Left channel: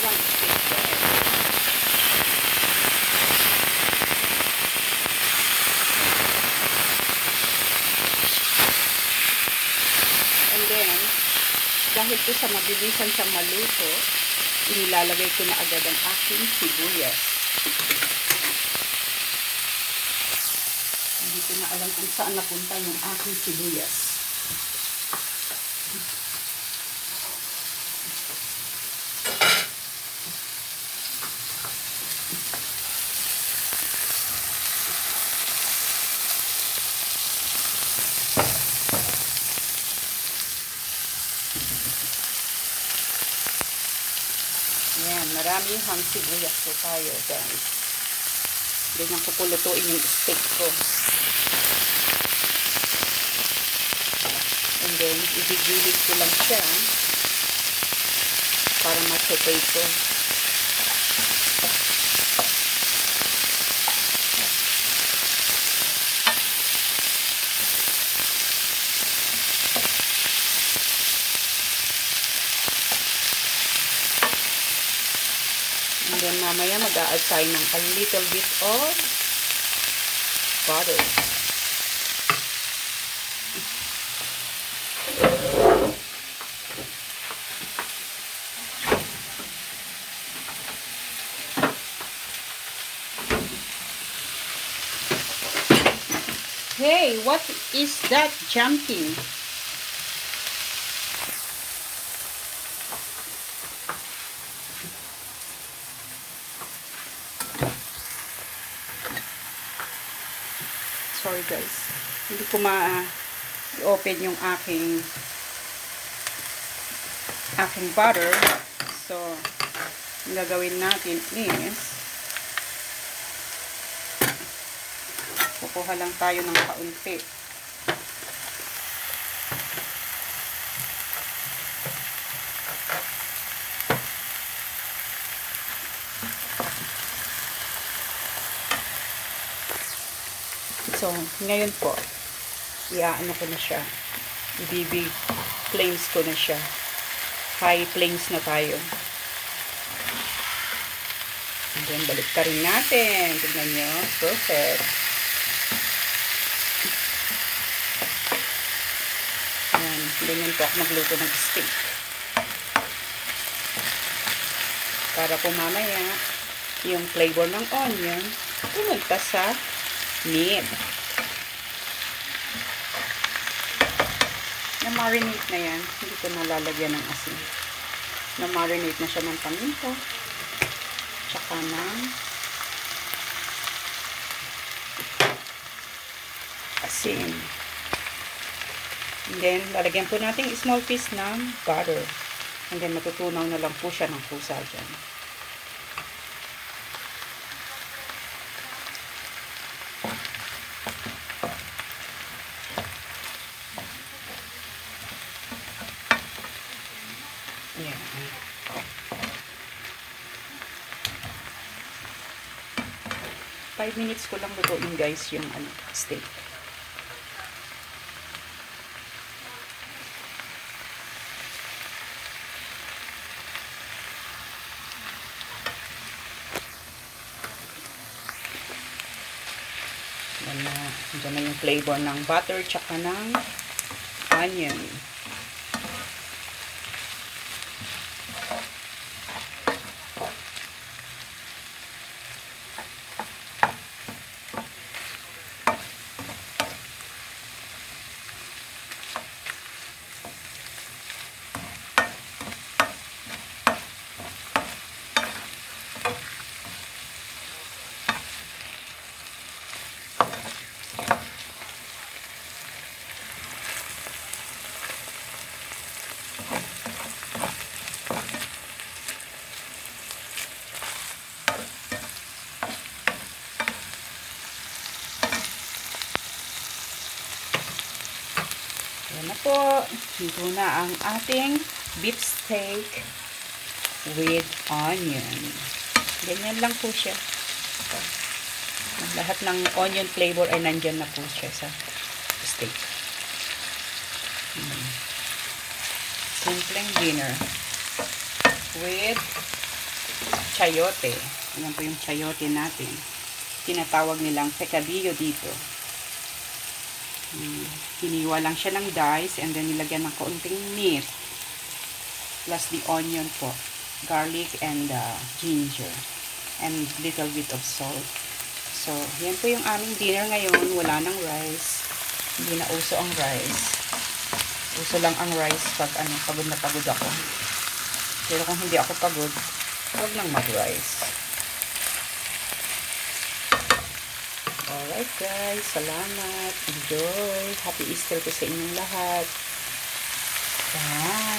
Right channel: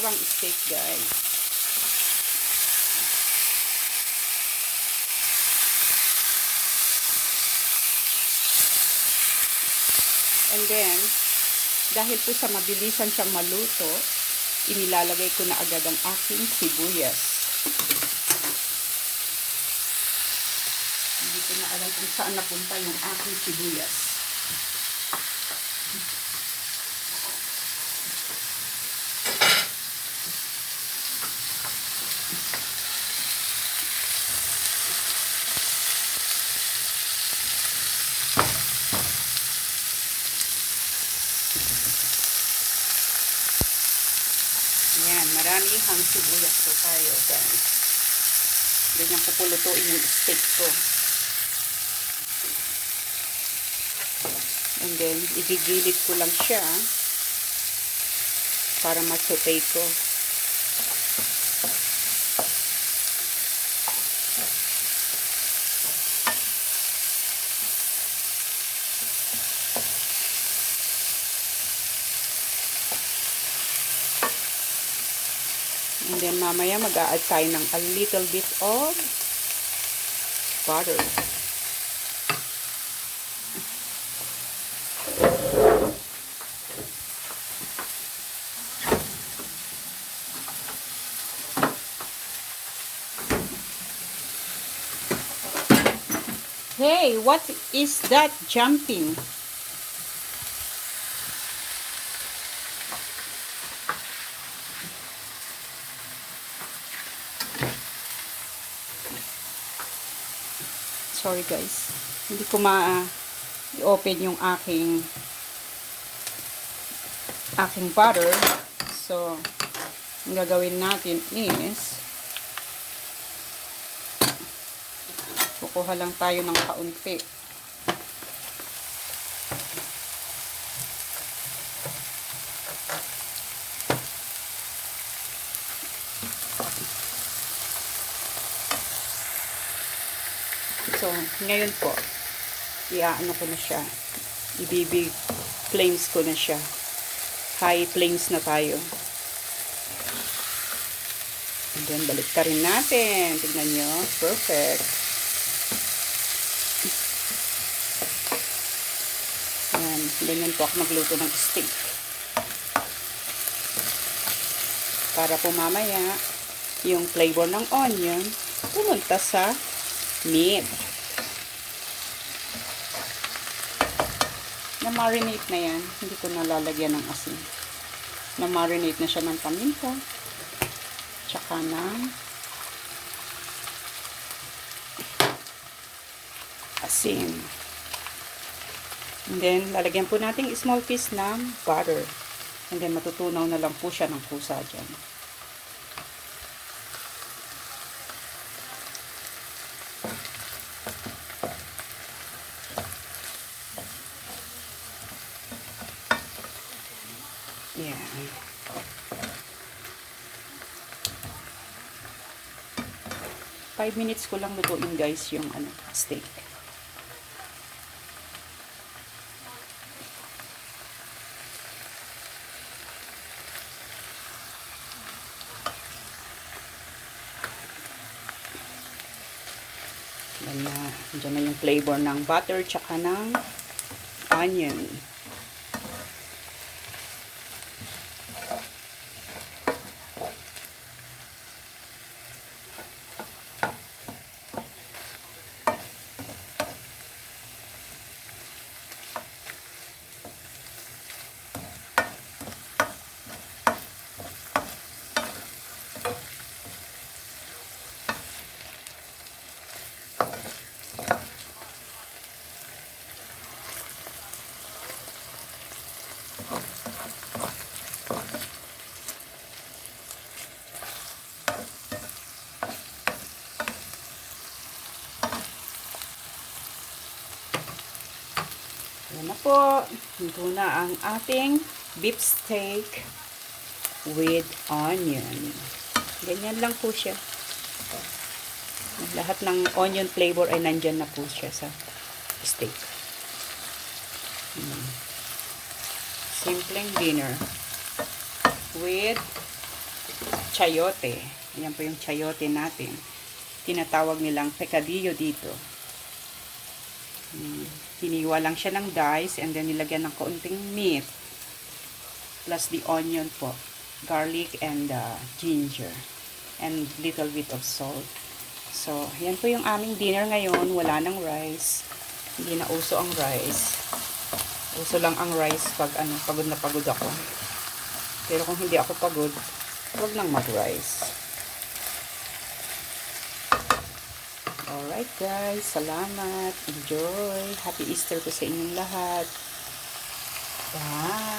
Parang steak, guys. And then, dahil po sa mabilisan siyang maluto, inilalagay ko na agad ang aking sibuyas. Hindi ko na alam kung saan napunta yung aking sibuyas. Yan, marami hang sibuyas po tayo, guys. Ganyan ko pulutuin yung steak ko. And then, igigilid ko lang siya para ma-saute ko. And then, mamaya mag-a-add tayo ng a little bit of butter. Hey, what is that jumping? Sorry guys, hindi ko ma-open yung aking butter. So, ang gagawin natin is kukuha lang tayo ng kaunti. So, ngayon po, iaano ko na siya. I-BB flames ko na siya. High flames na tayo. And then, balik ka rin natin. Tignan nyo. Perfect. Ayan. Ganyan po ako magluto ng steak. Para po mamaya, yung flavor ng onion, pumunta sa meat. Na-marinate na yan. Hindi ko nalalagyan ng asin. Na-marinate na siya ng paminta. Tsaka ng asin. And then, lalagyan po natin small piece ng butter. And then, matutunaw na lang po siya ng kusa dyan. Yeah. 5 minutes ko lang lutuin guys yung steak. Yan na yung flavor ng butter tsaka ng onion. Yan na po. Ito na ang ating beef steak with onion. Ganyan lang po siya. Lahat ng onion flavor ay nandyan na po siya sa steak. Simpleng dinner with chayote. Ayan po yung chayote natin. Tinatawag nilang pecadillo dito. Hiniwa lang siya ng dice and then nilagyan ng kaunting meat. Plus the onion po. Garlic and ginger. And little bit of salt. So, yan po yung aming dinner ngayon. Wala ng rice. Hindi na uso ang rice. Uso lang ang rice pag pagod na pagod ako. Pero kung hindi ako pagod, huwag nang mag-rice. Alright guys, salamat. Enjoy. Happy Easter po sa inyong lahat. Bye.